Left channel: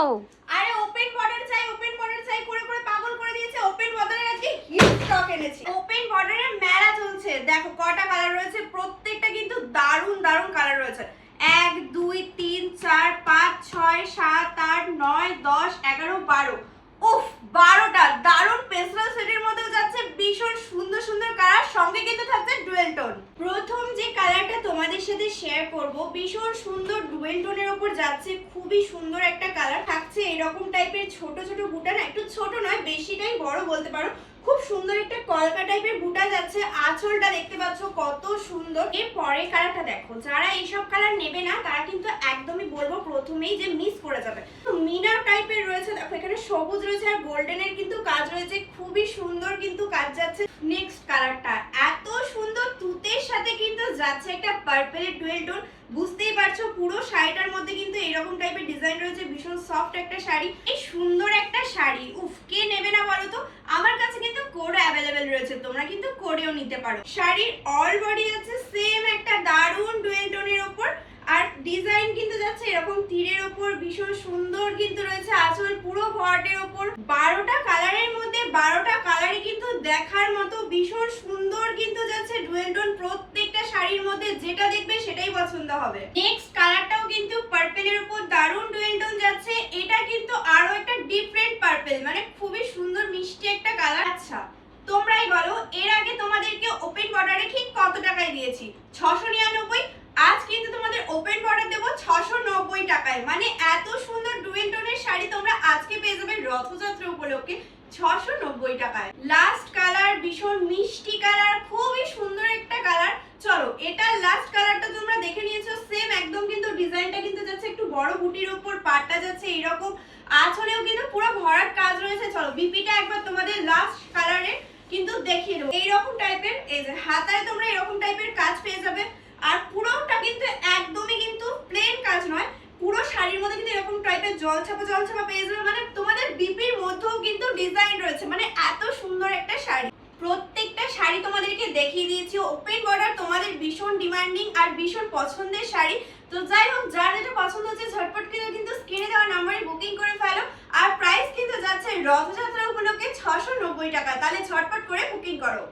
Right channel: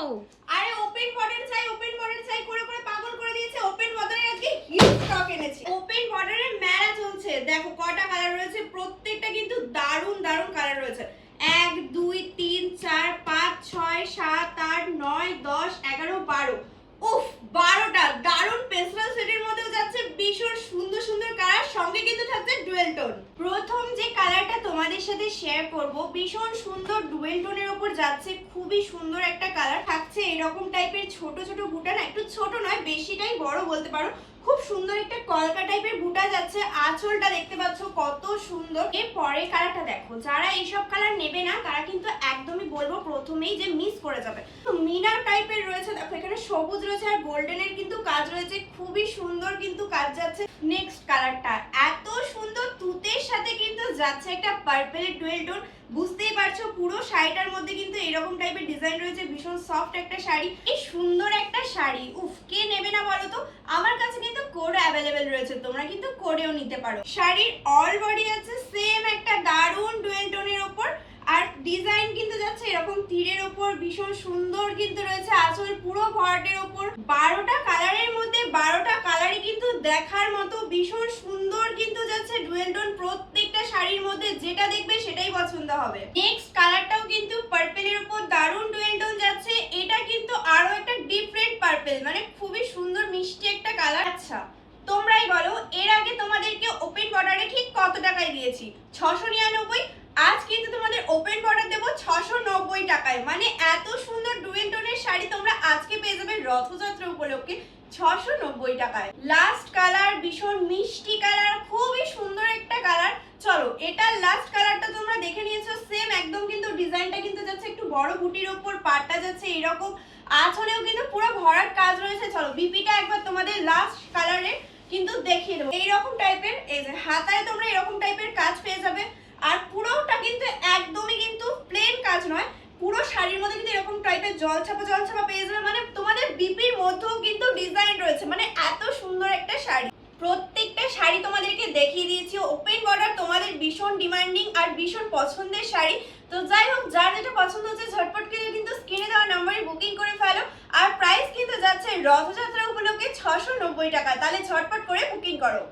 আরে open border চাই করে করে পাগল করে দিয়েছে। ওপেন বর্ডারের আজকে হিউজ স্টক এনেছি। ওপেন বর্ডারের মেলা চলছে। দেখো কয়টা কালার রয়েছে, প্রত্যেকটা কিন্তু দারুণ দারুণ কালার রয়েছে। 1 2 3 4 5 6 7 8 9 10 11 12। উফ, 12টা দারুণ পেস্টেল শেডের মধ্যে যাচ্ছে, ভীষণ সুন্দর সুন্দর কালার, সঙ্গে কিন্তু থাকছে ডুয়েল টোন। প্রথম যে কালারটা তোমাদের সাথে শেয়ার করব, ভীষণ সুন্দর ডুয়েল টোনের উপর যাচ্ছে, খুবই সুন্দর একটা কালার থাকছে। এরকম টাইপের ছোট ছোট বুটা, না একটু ছোট নয়, বেশিটাই বড় বলতে পারো। খুব সুন্দর একটা কলকা টাইপের বুটা যাচ্ছে। আঁচলটা দেখতে পাচ্ছ কত সুন্দর। এর পরের কালারটা দেখো, যারা এইসব কালার নেবে না তারা কিন্তু একদমই বলবো প্রথমেই যে মিস করে যাবে। তো মিনার টাইপের রয়েছে, দেখো এখানে সবুজ রয়েছে আর গোল্ডেনের কিন্তু কাজ রয়েছে, খুবই সুন্দর কিন্তু কাজ যাচ্ছে। নেক্সট কালারটা এত সুন্দর, তুতের সাথে কিন্তু যাচ্ছে একটা পার্পলের ডুয়েল টোন। বুঝতেই পারছো পুরো শাড়িটার মধ্যে কিন্তু এরকম টাইপের ডিজাইন রয়েছে, ভীষণ সফট একটা শাড়ি, এই সুন্দর একটা শাড়ি। উফ, কে নেবে না বলো তো। আমার কাছে কিন্তু কোড অ্যাভেলেবেল রয়েছে, তোমরা কিন্তু কোডেও নিতে পারো। শাড়ির অল বডি আছে সেম একটা দারুণ ডুয়েল টোনের উপর, আর ডিজাইন কিন্তু যাচ্ছে এরকম তীরের উপর, ভীষণ সুন্দর কিন্তু রয়েছে। আঁচল পুরো ভরাটের উপর, 12টা কালারের মধ্যে 12টা কালারই কিন্তু দেখার মতো, ভীষণ সুন্দর কিন্তু যাচ্ছে ডুয়েল টোন। প্রত্যেকটা শাড়ির মধ্যে যেটা দেখবে সেটাই পছন্দ হবে। নেক্সট কালারটাও কিন্তু পার্পলের উপর দারুণ ডুয়েল টোন যাচ্ছে। এটা কিন্তু আরো একটা ডিফারেন্ট পার্পল, মানে খুবই সুন্দর মিষ্টি একটা কালার। আচ্ছা তোমরাই বলো, এর আগে তোমাদেরকে ওপেন বর্ডারে ঠিক কত টাকায় দিয়েছি? 699। আজ কিন্তু তোমাদের ওপেন বর্ডার দেবো 690 টাকায়। মানে এত সুন্দর ডুয়েল টোনের শাড়ি তোমরা আজকে পেয়ে যাবে রথযাত্রা উপলক্ষে 690 টাকায়। লাস্ট কালার ভীষণ মিষ্টি কালার, খুবই সুন্দর একটা কালার। চলো এটার লাস্ট কালারটা তোমরা দেখে নিয়েছো, সেম একদম কিন্তু ডিজাইনটা কিন্তু যাচ্ছে একটু বড় বুটির উপর, পাটটা যাচ্ছে এইরকম, আঁচলেও কিন্তু পুরো ভরাট কাজ রয়েছে। চলো বিপিটা একবার তোমাদের লাস্ট কালারে কিন্তু দেখিয়ে দেবো। এইরকম টাইপের, এই যে হাতায় তোমরা এরকম টাইপের কাজ পেয়ে যাবে। আর পুরোটা কিন্তু একদমই কিন্তু প্লেন কাজ নয়, পুরো শাড়ির মধ্যে কিন্তু এরকম টাইপের জলছাপা পেয়ে যাবে। মানে তোমাদের বিপির মধ্যেও কিন্তু ডিজাইন রয়েছে, মানে এত সুন্দর একটা শাড়ি। প্রত্যেকটা শাড়ি তোমাদেরকে দেখিয়ে দিয়েছি। ওপেন বর্ডার তোমাদের ভীষণ ডিমান্ডিং আর ভীষণ পছন্দের শাড়ি। তো যাই হোক, যার যেটা পছন্দ হচ্ছে ঝটপট করে কিন্তু স্ক্রিনে দেওয়া নাম্বারে বুকিং করে ফেলো। আর প্রাইস কিন্তু যাচ্ছে রথযাত্রা উপলক্ষে 690 টাকা। তাহলে ঝটপট করে বুকিং করো।